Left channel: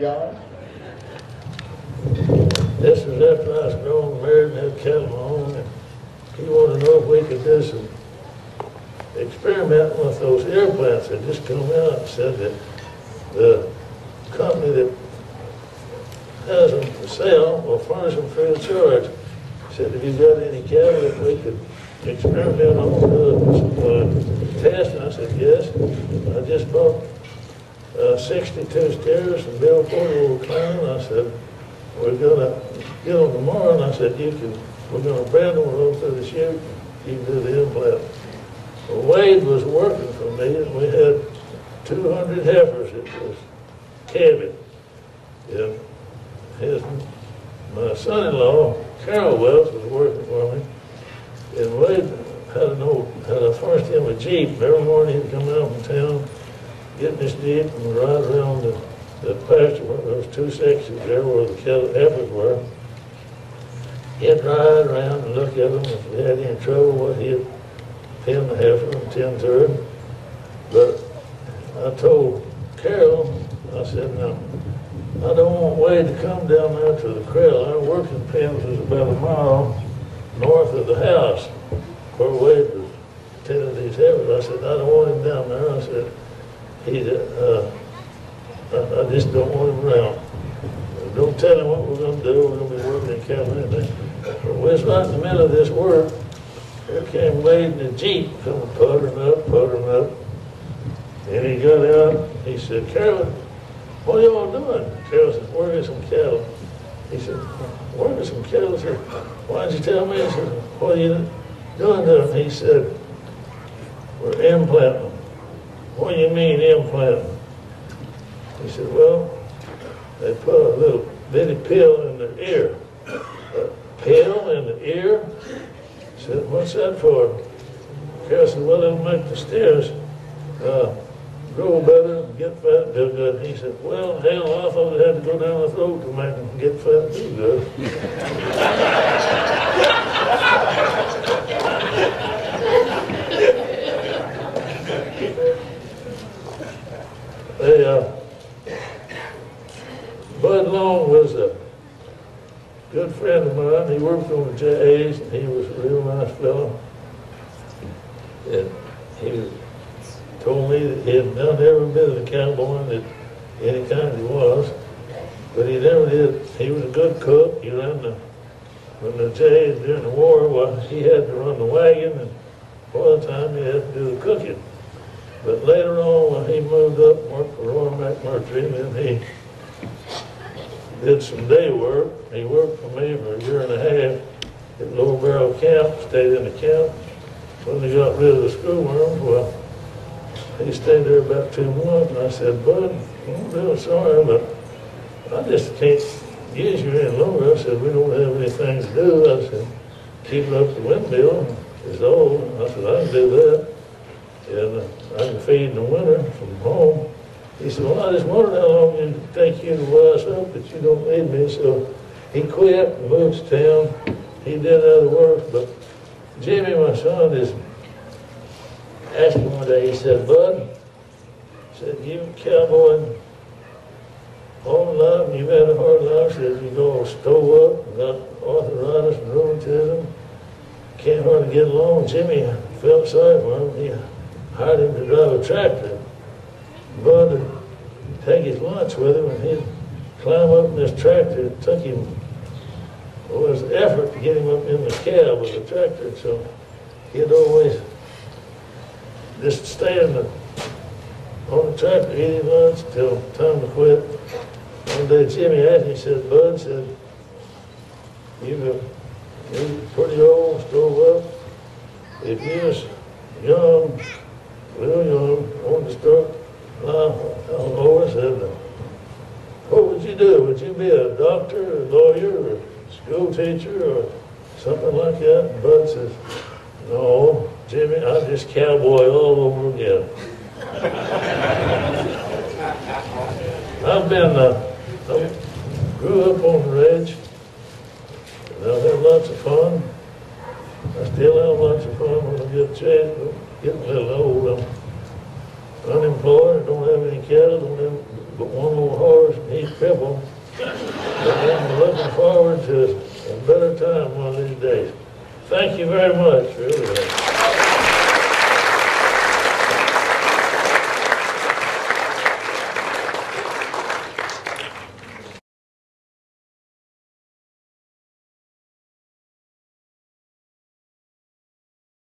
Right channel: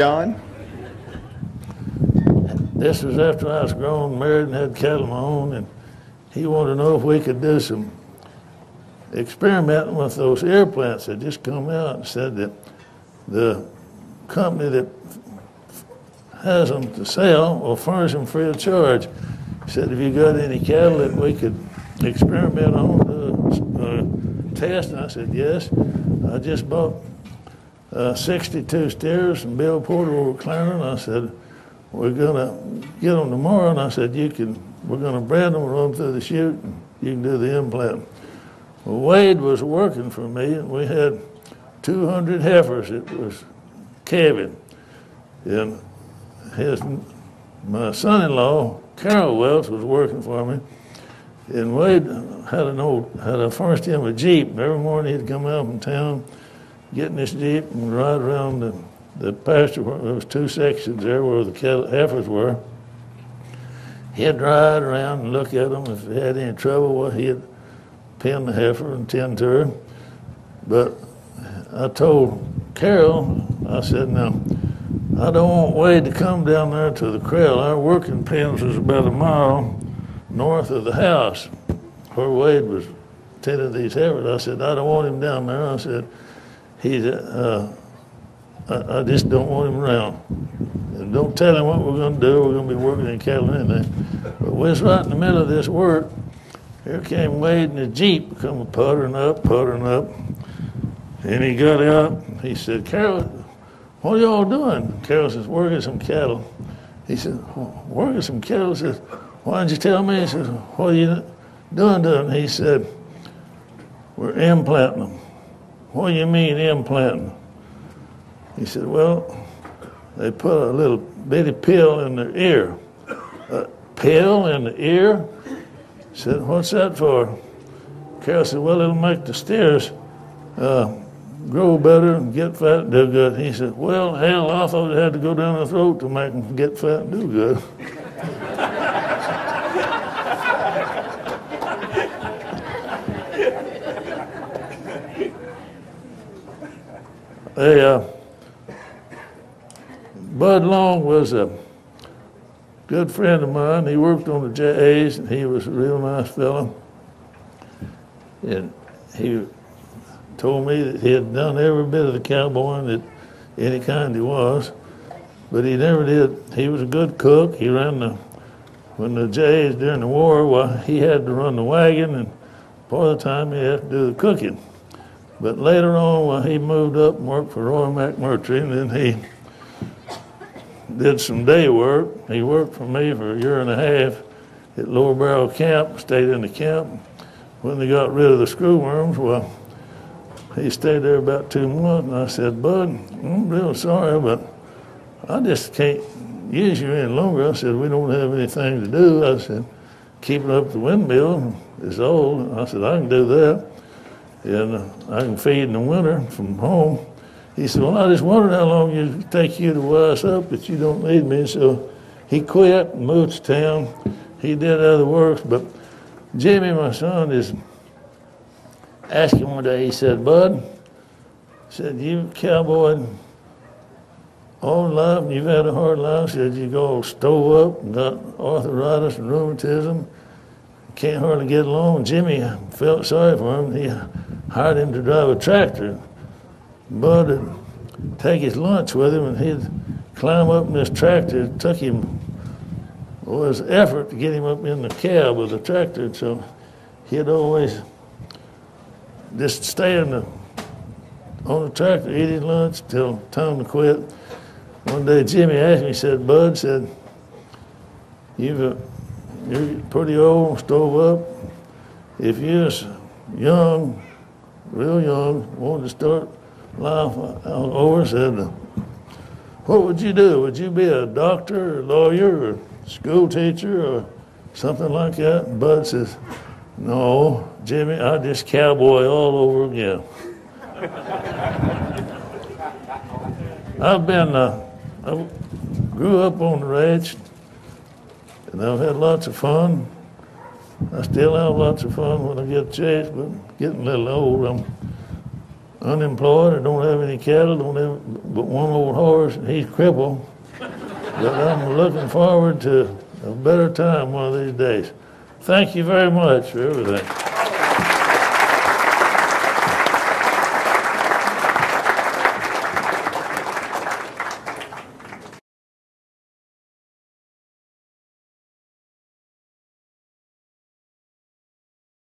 John? This was after I was grown, married, and had cattle of my own, and he wanted to know if we could do some experimenting with those air plants that just come out, and said that the company that has them to sell will furnish them free of charge. He said, have you got any cattle that we could experiment on, test? And I said, yes. I just bought 62 steers from Bill Porter over Clarendon. I said, we're gonna get them tomorrow, and I said, we're gonna brand them, run through the chute, and you can do the implant. Well, Wade was working for me, and we had 200 heifers. It was calving. And my son-in-law, Carol Welch, was working for me, and Wade had furnished him a Jeep. Every morning he'd come out from town, get in this Jeep and ride around the pasture. There was two sections there where the heifers were. He'd ride around and look at them. If they had any trouble, well, he'd pin the heifer and tend to her. But I told Carol, I said, now, I don't want Wade to come down there to the corral. Our working pens was about a mile north of the house where Wade was tending these heifers. I said, I don't want him down there. I said, I just don't want him around. And don't tell him what we're going to do. We're going to be working in cattle and anything. But we was right in the middle of this work. Here came Wade in the Jeep, coming puttering up. And he got out. He said, Carol, what are y'all doing? Carol says, working some cattle. He said, working some cattle? He said, why didn't you tell me? He said, what are you doing to them? He said, we're implanting them. What do you mean implanting? He said, well, they put a little bitty pill in their ear. A pill in the ear? He said, what's that for? Carol said, well, it'll make the steers grow better and get fat and do good. He said, well, hell, I thought it had to go down the throat to make them get fat and do good. Bud Long was a good friend of mine. He worked on the JAs, and he was a real nice fellow. And he told me that he had done every bit of the cowboying that any kind he was, but he never did. He was a good cook. He ran when the JAs during the war, well, he had to run the wagon, and part of the time he had to do the cooking. But later on, when he moved up and worked for Roy McMurtry, and then he did some day work. He worked for me for a year and a half at Lower Barrel Camp, stayed in the camp. When they got rid of the screwworms, well, he stayed there about 2 months, and I said, Bud, I'm real sorry, but I just can't use you any longer. I said, we don't have anything to do. I said, keep up the windmill. It's old. I said, I can do that. And I can feed in the winter from home. He said, well, I just wondered how long it would take you to wise up, but you don't need me. So he quit and moved to town. He did other work, but Jimmy, my son, is asked him one day, he said, Bud, said, you cowboyed all life, and you've had a hard life. Said, you go stove up and got arthritis and rheumatism, can't hardly get along. Jimmy felt sorry for him. He hired him to drive a tractor. Bud would take his lunch with him, and he'd climb up in this tractor. It took him, well, his effort to get him up in the cab of the tractor, and so he'd always just stay on the tractor, eat his lunch till time to quit. One day Jimmy asked me, he said, Bud, said, you're pretty old, stove up. If you're young, real young, wanted to start life out over, said, what would you do? Would you be a doctor, or a lawyer, or school teacher, or something like that? And Bud says, no, Jimmy, I just cowboy all over again. I grew up on the ranch, and I've had lots of fun. I still have lots of fun when I get a chance, but I'm getting a little old. I'm unemployed, I don't have any cattle, don't have but one old horse, and he's crippled. But I'm looking forward to a better time one of these days. Thank you very much for everything.